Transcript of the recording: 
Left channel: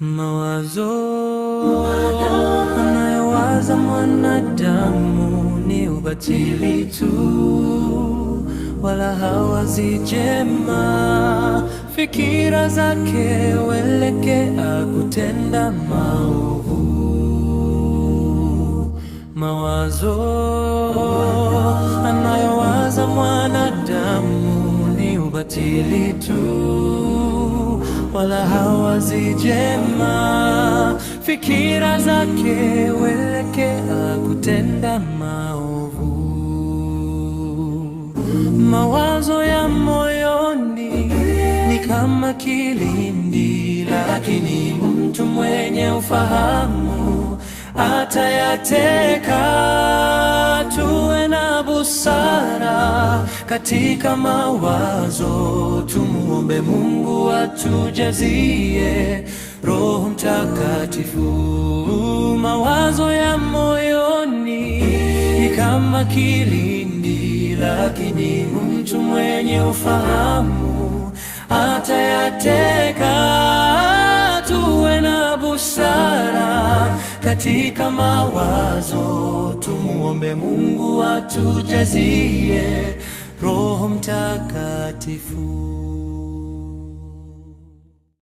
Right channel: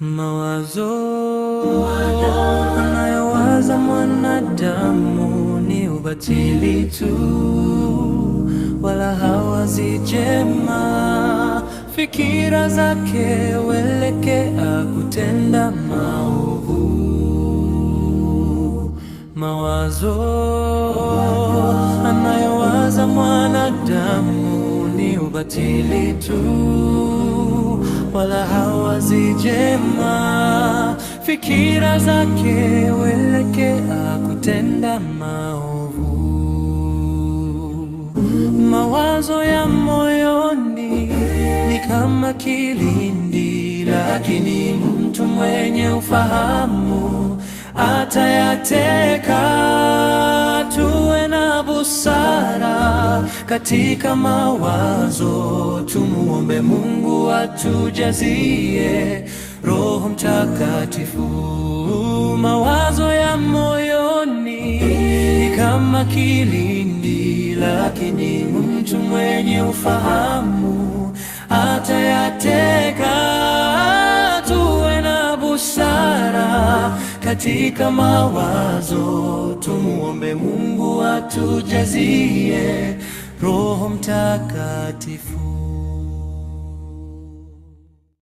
Mawazo anayowaza mwanadamu ni ubatili tu, wala hawazi jema. Fikira zake huelekea kutenda maovu. Mawazo anayowaza mwanadamu ni ubatili tu, wala hawazi jema. Fikira zake huelekea kutenda maovu. Mawazo ya moyoni ni kama kilindi, lakini mtu mwenye ufahamu atayateka. Tuwe na busara katika mawazo, tumuombe Mungu atujazie Roho Mtakatifu. Mawazo ya moyoni ni kama kilindi, lakini mtu mwenye ufahamu atayateka. Tuwe na busara katika mawazo, tumuombe Mungu atujazie Roho Mtakatifu.